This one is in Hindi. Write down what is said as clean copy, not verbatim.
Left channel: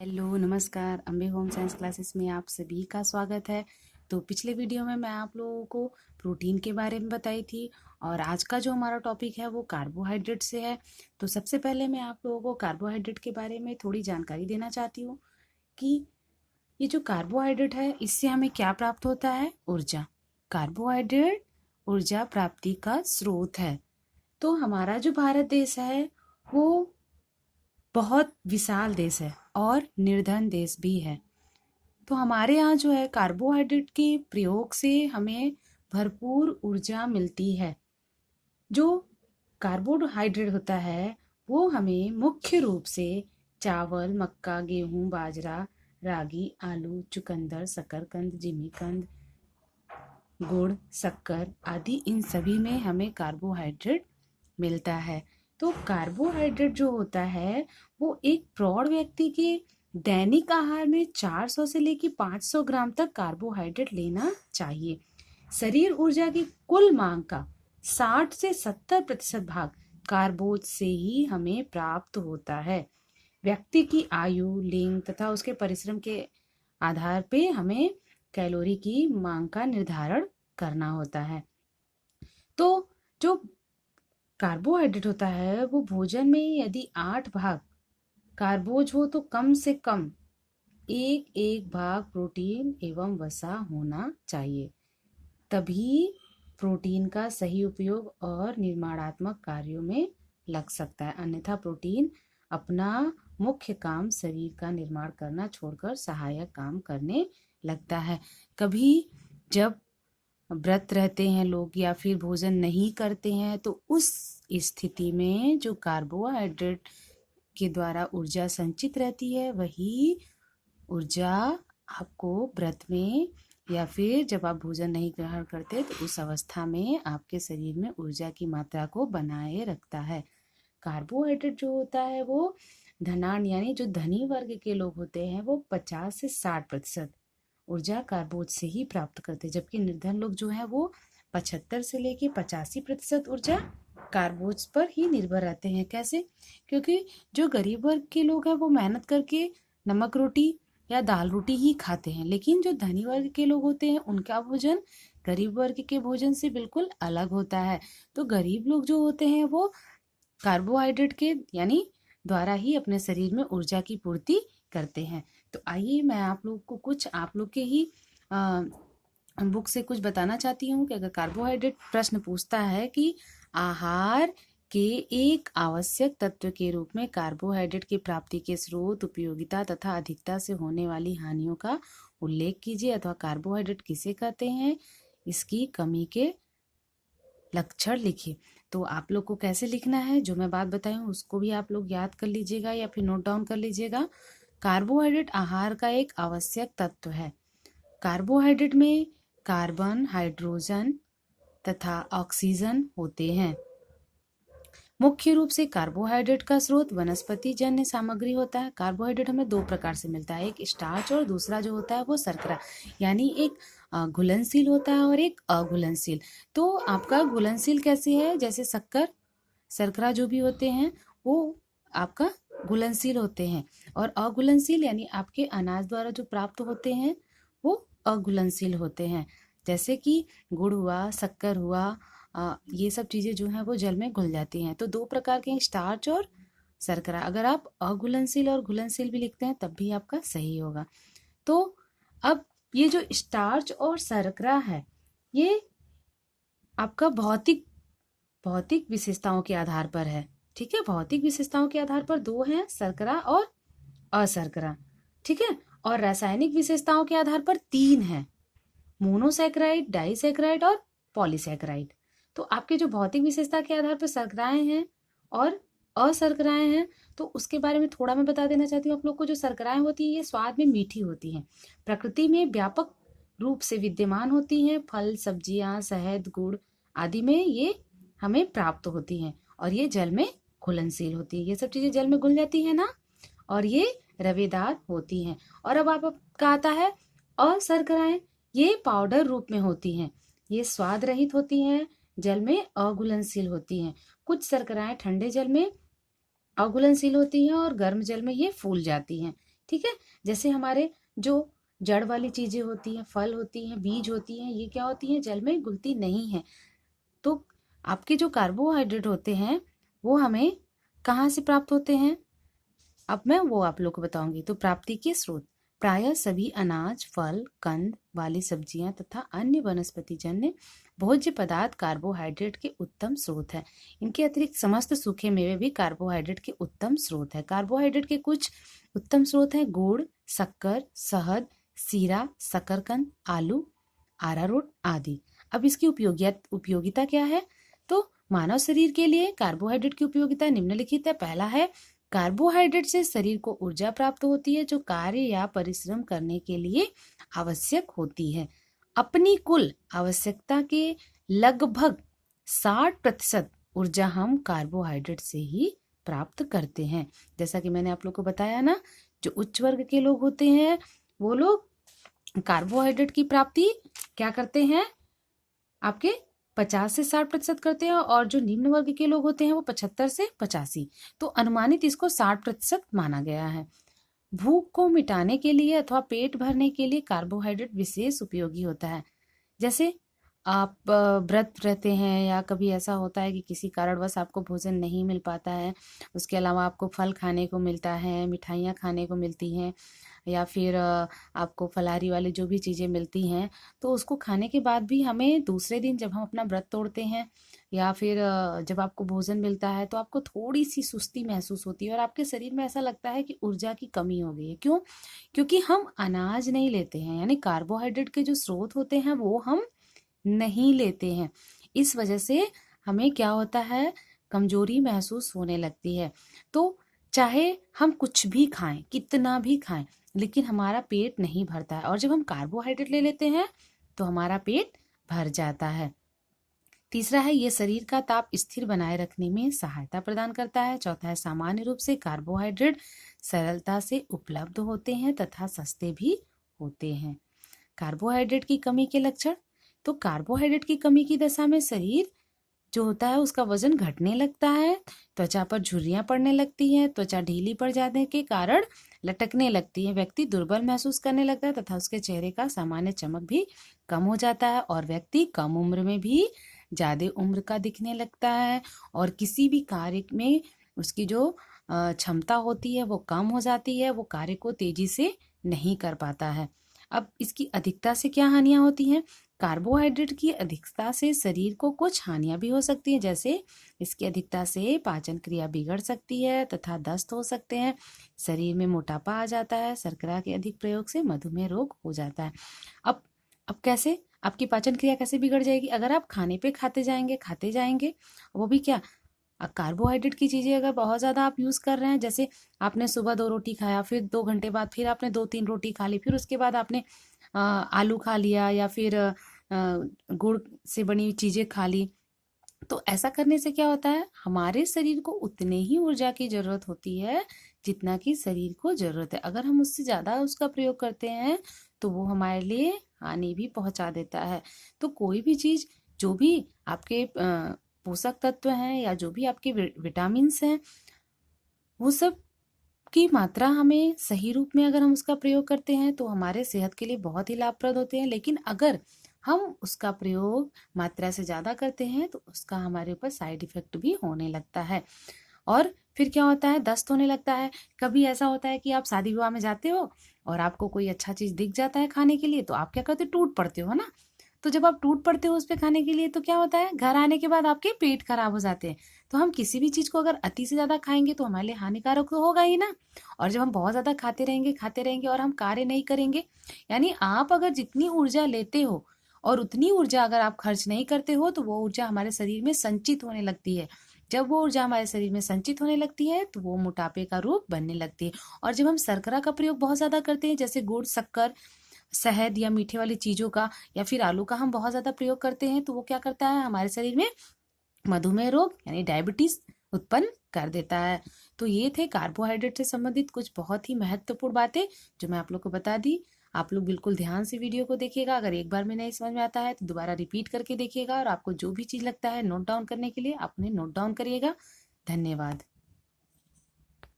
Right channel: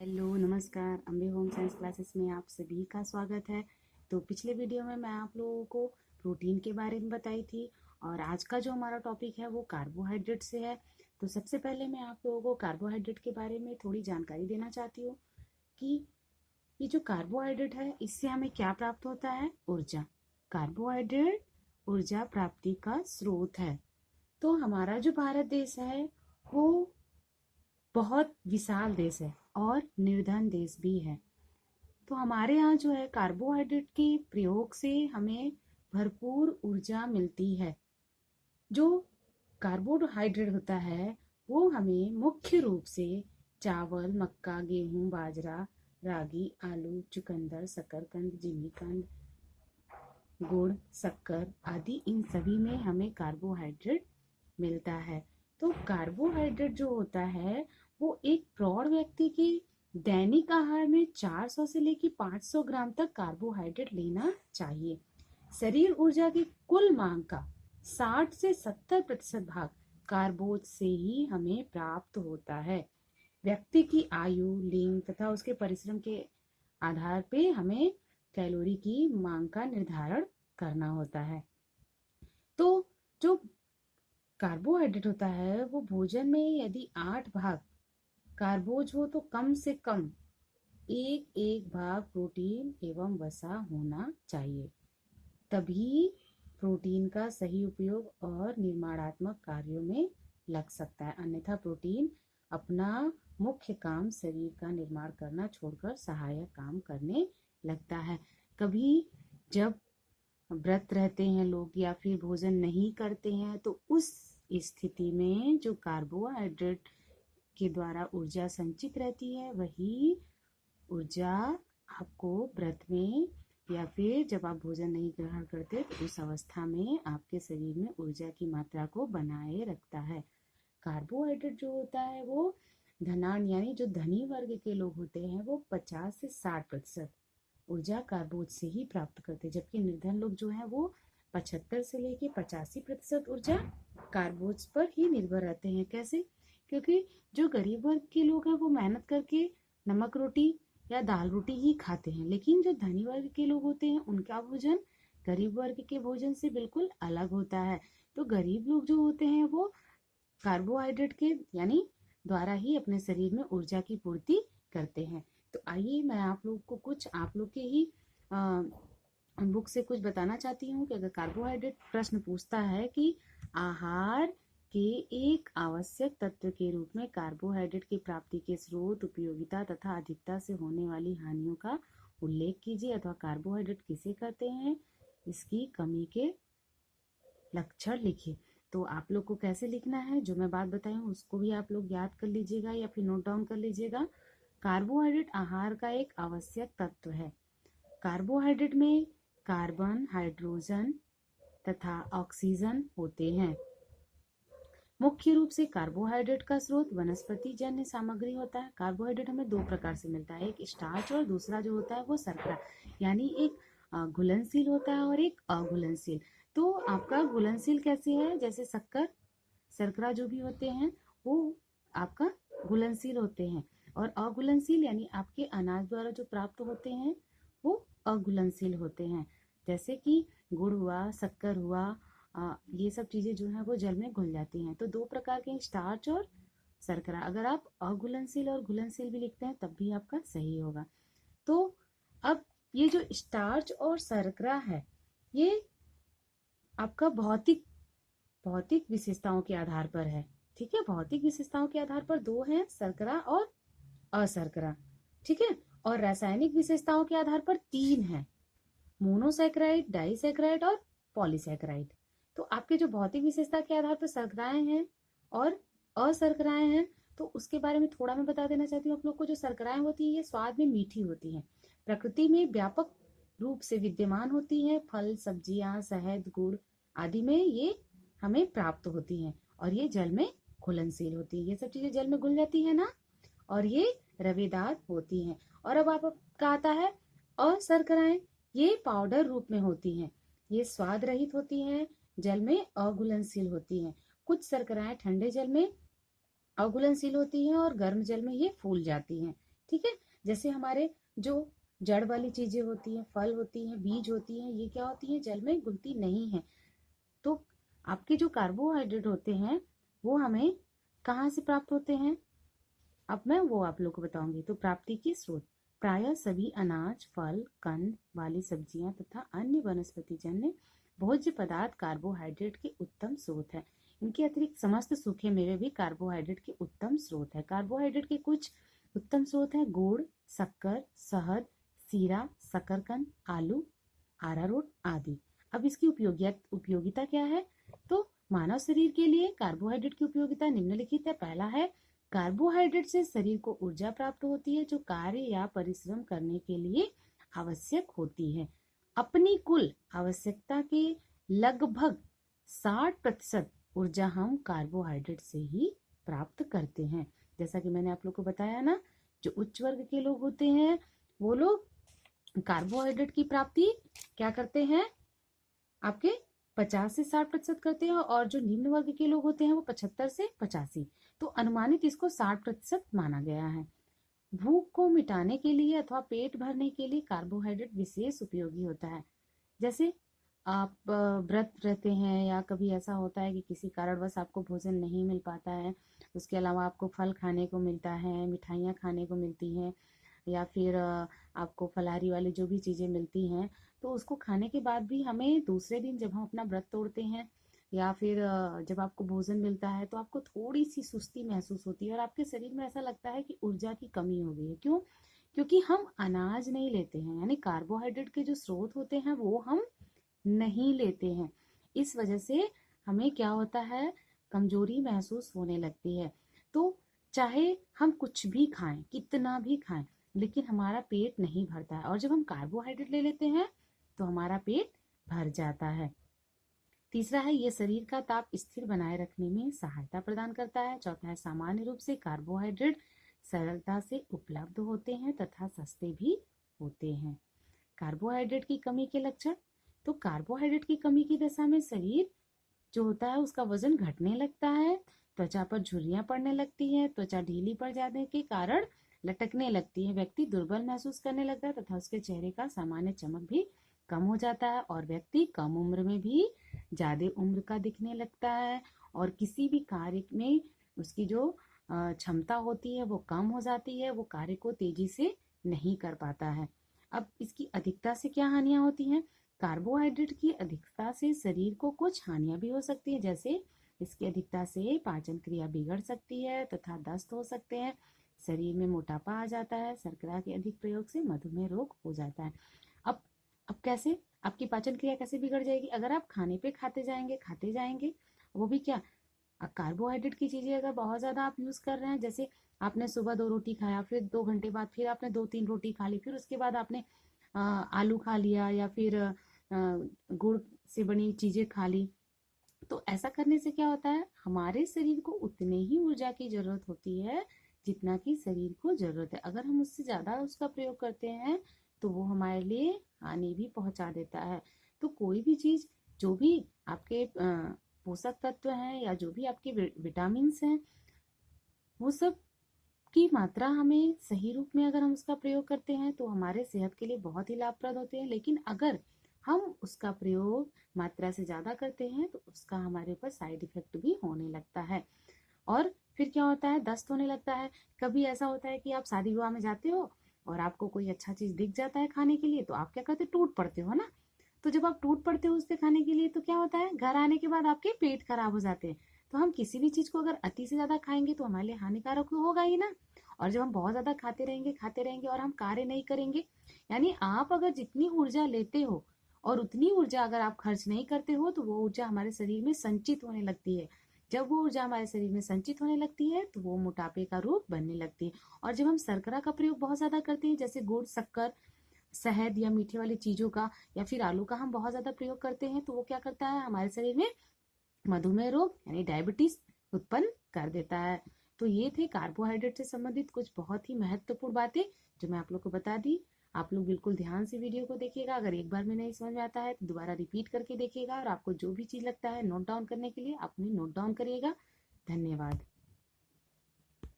हेलो नमस्कार। अम्बे होम साइंस क्लासेस में आप सभी का स्वागत है। तो पिछले वीडियो में मैं आप लोगों को प्रोटीन के बारे में बताई थी और आज का जो हमारा टॉपिक है वो कार्बोहाइड्रेट से है। तो सबसे पहले मैं आप लोगों को कार्बोहाइड्रेट के बारे में थोड़ी जानकारी देना चाहती हूँ कि ये जो कार्बोहाइड्रेट है इससे हमें क्या प्राप्त होता है। ऊर्जा। कार्बोहाइड्रेट ऊर्जा प्राप्ति का स्रोत है। तो हमारा जो भारत देश है वो बहुत विशाल देश है और निर्धन देश भी है। तो हमारे यहाँ जो है कार्बोहाइड्रेट के प्रयोग से हमें भरपूर ऊर्जा मिलती है। जो कार्बोहाइड्रेट होता है वो हमें मुख्य रूप से चावल, मक्का, गेहूं, बाजरा, रागी, आलू, चुकंदर, शकरकंद, जिमीकंद, गुड़, शक्कर आदि इन सभी में हमें कार्बोहाइड्रेट मिलता है। तो कार्बोहाइड्रेट जो होता है वो एक प्रौढ़ व्यक्ति के दैनिक आहार में 400 से लेकर 500 ग्राम तक कार्बोहाइड्रेट लेना चाहिए। शरीर ऊर्जा की कुल मांग का 60 से 70% भाग कार्बोज से ही हमें प्राप्त होता है। व्यक्ति की आयु, लिंग तथा उसके परिश्रम के आधार पे हमें कैलोरी की मांग का निर्धारण करना होता है। तो जो कार्बोहाइड्रेट होता है वो भोजन में यदि 8 भाग कार्बोज हो तो कम से कम एक एक भाग प्रोटीन एवं वसा होना चाहिए। तभी प्रोटीन का सही उपयोग और निर्माणात्मक कार्यों में लग सकता है। अन्यथा प्रोटीन अपना मुख्य काम शरीर का निर्माण करना छोड़कर सहायक काम करने लगता है। कभी जब व्रत रहते हैं लोग या फिर भोजन नहीं करते हैं तो उस स्थिति में जो कार्बोहाइड्रेट के द्वारा ऊर्जा संचित रहती है वही ऊर्जा आपको व्रत में या फिर जब आप भोजन नहीं ग्रहण करते तो उस अवस्था में आपके शरीर में ऊर्जा की मात्रा को बनाए रखता है। कार्बोहाइड्रेट जो होता है वो धनान यानी जो धनी वर्ग के लोग होते हैं वो 50 से 60% ऊर्जा कार्बोज से ही प्राप्त करते हैं, जबकि निर्धन लोग जो है वो 75 से लेके 85% ऊर्जा कार्बोज पर ही निर्भर रहते हैं। कैसे? क्योंकि जो गरीब वर्ग के लोग हैं वो मेहनत करके नमक रोटी या दाल रोटी ही खाते हैं, लेकिन जो धनी वर्ग के लोग होते हैं उनका भोजन गरीब वर्ग के भोजन से बिल्कुल अलग होता है। तो गरीब लोग जो होते हैं वो कार्बोहाइड्रेट के यानी द्वारा ही अपने शरीर में ऊर्जा की पूर्ति करते हैं। तो आइए मैं आप लोग को कुछ आप लोग के ही बुक से कुछ बताना चाहती हूँ कि अगर कार्बोहाइड्रेट प्रश्न पूछता है कि आहार के एक आवश्यक तत्व के रूप में कार्बोहाइड्रेट की प्राप्ति के स्रोत, उपयोगिता तथा अधिकता से होने वाली हानियों का उल्लेख कीजिए अथवा कार्बोहाइड्रेट किसे कहते हैं, इसकी कमी के लक्षण लिखिए। तो आप लोग को कैसे लिखना है, जो मैं बात बताई हूँ उसको भी आप लोग याद कर लीजिएगा या फिर नोट डाउन कर लीजिएगा। कार्बोहाइड्रेट आहार का एक आवश्यक तत्व है। कार्बोहाइड्रेट में कार्बन, हाइड्रोजन तथा ऑक्सीजन होते हैं। मुख्य रूप से कार्बोहाइड्रेट का स्रोत वनस्पति जन्य सामग्री होता है। कार्बोहाइड्रेट हमें दो प्रकार से मिलता है, एक स्टार्च और दूसरा जो होता है वो शर्करा, यानी एक घुलनशील होता है और एक अघुलनशील। तो आपका घुलनशील कैसे है, जैसे शक्कर, शर्करा जो भी होते हैं वो आपका घुलनशील होते हैं, और अघुलनशील यानी आपके अनाज द्वारा जो प्राप्त होते हैं वो अघुलनशील होते हैं। जैसे कि गुड़ हुआ, शक्कर हुआ, ये सब चीज़ें जो हैं वो जल में घुल जाती हैं। तो दो प्रकार के स्टार्च और शर्करा। अगर आप अघुलनशील और घुलनशील भी लिखते हैं तब भी आपका सही होगा। तो अब ये जो स्टार्च और शर्करा है ये आपका भौतिक भौतिक विशेषताओं के आधार पर है। ठीक है, भौतिक विशेषताओं के आधार पर दो हैं, शर्करा और अशर्करा। ठीक है, और रासायनिक विशेषताओं के आधार पर तीन है, मोनोसैकेराइड, डाइसैकेराइड और पॉलीसैकेराइड। तो आपके जो भौतिक विशेषता के आधार पर शर्कराएं हैं और अशर्कराएं हैं, तो उसके बारे में थोड़ा मैं बता देना चाहती हूँ आप लोग को। जो शर्कराएं होती हैं ये स्वाद में मीठी होती हैं, प्रकृति में व्यापक रूप से विद्यमान होती हैं, फल, सब्जियां, शहद, गुड़ आदि में ये हमें प्राप्त होती हैं, और ये जल में घुलनशील होती है। ये सब चीजें जल में घुल जाती है ना, और ये रवेदार होती हैं। और अब आपका आता है अशर्कराएं, ये पाउडर रूप में होती हैं, ये स्वाद रहित होती हैं, जल में अघुलनशील होती हैं। कुछ शर्कराएं ठंडे जल में अघुलनशील होती हैं और गर्म जल में ये फूल जाती हैं। ठीक है। जैसे हमारे जो जड़ वाली चीजें होती हैं, फल होती हैं, बीज होती हैं, ये क्या होती हैं, जल में घुलती नहीं है। तो आपके जो कार्बोहाइड्रेट होते हैं वो हमें कहाँ से प्राप्त होते हैं, अब मैं वो आप लोग को बताऊंगी। तो प्राप्ति के स्रोत प्रायः सभी अनाज, फल, कंद वाली सब्जियां तथा अन्य वनस्पति जन्य भोज्य पदार्थ कार्बोहाइड्रेट के उत्तम स्रोत है। इनके अतिरिक्त समस्त सूखे मेवे भी कार्बोहाइड्रेट के उत्तम स्रोत है। कार्बोहाइड्रेट के कुछ उत्तम स्रोत हैं गुड़, शक्कर, शहद, सीरा, शकरकंद, आलू, अरारोट आदि। अब इसकी उपयोगिता क्या है, तो मानव शरीर के लिए कार्बोहाइड्रेट की उपयोगिता निम्नलिखित है। पहला है, कार्बोहाइड्रेट से शरीर को ऊर्जा प्राप्त होती है जो कार्य या परिश्रम करने के लिए आवश्यक होती है। अपनी कुल आवश्यकता के लगभग 60% ऊर्जा हम कार्बोहाइड्रेट से ही प्राप्त करते हैं। जैसा कि मैंने आप लोग को बताया ना, जो उच्च वर्ग के लोग होते हैं वो लोग कार्बोहाइड्रेट की प्राप्ति क्या करते हैं, आपके 50 से 60% करते हैं, और जो निम्न वर्ग के लोग होते हैं वो 75 से 85। तो अनुमानित इसको 60% माना गया है। भूख को मिटाने के लिए अथवा पेट भरने के लिए कार्बोहाइड्रेट विशेष उपयोगी होता है। जैसे आप व्रत रहते हैं या कभी ऐसा होता है कि किसी कारणवश आपको भोजन नहीं मिल पाता है, उसके अलावा आपको फल खाने को मिलता है, मिठाइयाँ खाने को मिलती हैं, या फिर आपको फलाहारी वाली जो भी चीज़ें मिलती हैं, तो उसको खाने के बाद भी हमें दूसरे दिन जब हम अपना व्रत तोड़ते हैं या फिर जब आपको भोजन मिलता है तो आपको थोड़ी सी सुस्ती महसूस होती है और आपके शरीर में ऐसा लगता है कि ऊर्जा की कमी हो गई है। क्यों? क्योंकि हम अनाज नहीं लेते हैं, यानी कार्बोहाइड्रेट के जो स्रोत होते हैं वो हम नहीं लेते हैं। इस वजह से हमें क्या होता है, कमजोरी महसूस होने लगती है। तो चाहे हम कुछ भी खाएं, कितना भी खाएं, लेकिन हमारा पेट नहीं भरता है, और जब हम कार्बोहाइड्रेट ले लेते हैं तो हमारा पेट भर जाता है। तीसरा है, ये शरीर का ताप स्थिर बनाए रखने में सहायता प्रदान करता है। चौथा है, सामान्य रूप से कार्बोहाइड्रेट सरलता से उपलब्ध होते हैं तथा सस्ते भी होते हैं। कार्बोहाइड्रेट की कमी के लक्षण, तो कार्बोहाइड्रेट की कमी की दशा में शरीर जो होता है उसका वजन घटने लगता है, त्वचा पर झुर्रियां पड़ने लगती हैं, त्वचा ढीली पड़ जाने के कारण लटकने लगती है, व्यक्ति दुर्बल महसूस करने लगता है तथा उसके चेहरे का सामान्य चमक भी कम हो जाता है, और व्यक्ति कम उम्र में भी ज्यादा उम्र का दिखने लगता है, और किसी भी कार्य में उसकी जो क्षमता होती है वो कम हो जाती है, वो कार्य को तेजी से नहीं कर पाता है। अब इसकी अधिकता से क्या हानियां होती हैं, कार्बोहाइड्रेट की अधिकता से शरीर को कुछ हानियां भी हो सकती हैं, जैसे इसकी अधिकता से पाचन क्रिया बिगड़ सकती है तथा दस्त हो सकते हैं, शरीर में मोटापा आ जाता है, शर्करा के अधिक प्रयोग से मधुमेह रोग हो जाता है। अब कैसे आपकी पाचन क्रिया कैसे बिगड़ जाएगी, अगर आप खाने पे खाते जाएंगे, वो भी क्या, कार्बोहाइड्रेट की चीजें अगर बहुत ज्यादा आप यूज कर रहे हैं, जैसे आपने सुबह 2 रोटी खाया, फिर 2 घंटे बाद फिर आपने 2-3 रोटी खा ली, फिर उसके बाद आपने आलू खा लिया, या फिर गुड़ से बनी हुई चीजें खा ली, तो ऐसा करने से क्या होता है, हमारे शरीर को उतने ही ऊर्जा की जरूरत होती है जितना कि शरीर को जरूरत है। अगर हम उससे ज्यादा उसका प्रयोग करते हैं तो वो हमारे लिए हानि भी पहुंचा देता है। तो कोई भी चीज, जो भी आपके पोषक तत्व हैं या जो भी आपके विटामिन हैं, वो सब की मात्रा हमें सही रूप में अगर हम उसका प्रयोग करते हैं तो हमारे सेहत के लिए बहुत ही लाभप्रद होते हैं। लेकिन अगर हम उसका प्रयोग मात्रा से ज्यादा करते हैं तो उसका हमारे ऊपर साइड इफेक्ट भी होने लगता है, और फिर क्या होता है, दस्त होने लगता है। कभी ऐसा होता है कि आप शादी विवाह में जाते हो और आपको कोई अच्छा चीज दिख जाता है खाने के लिए, तो आप क्या करते हो, टूट पड़ते हो ना। तो जब आप टूट पड़ते हो उस पे खाने के लिए तो क्या होता है, घर आने के बाद आपके पेट खराब हो जाते हैं। तो हम किसी भी चीज को अगर अति से ज्यादा खाएंगे तो हमारे लिए हानिकारक तो होगा ही ना। और जब हम बहुत ज्यादा खाते रहेंगे और हम कार्य नहीं करेंगे, यानी आप अगर जितनी ऊर्जा लेते हो और उतनी ऊर्जा अगर आप खर्च नहीं करते हो तो वो ऊर्जा हमारे शरीर में संचित होने लगती है। जब वो ऊर्जा हमारे शरीर में संचित होने लगती है तो वो मोटापे का रूप बनने लगती है। और जब हम शर्करा का प्रयोग बहुत ज्यादा करते हैं, जैसे गुड़, शक्कर, शहद या मीठे वाली चीजों का या फिर आलू का हम बहुत ज्यादा प्रयोग करते हैं, तो वो क्या करता है, हमारे शरीर में मधुमेह रोग यानी डायबिटीज उत्पन्न कर देता है। तो ये थे कार्बोहाइड्रेट से संबंधित कुछ बहुत ही महत्वपूर्ण बातें जो मैं आप लोग को बता दी। आप लोग बिल्कुल ध्यान से वीडियो को देखिएगा, अगर एक बार में नहीं समझ में आता है तो दोबारा रिपीट करके देखिएगा, और आपको जो भी चीज लगता है नोट डाउन करने के लिए आप उन्हें नोट डाउन करिएगा। धन्यवाद।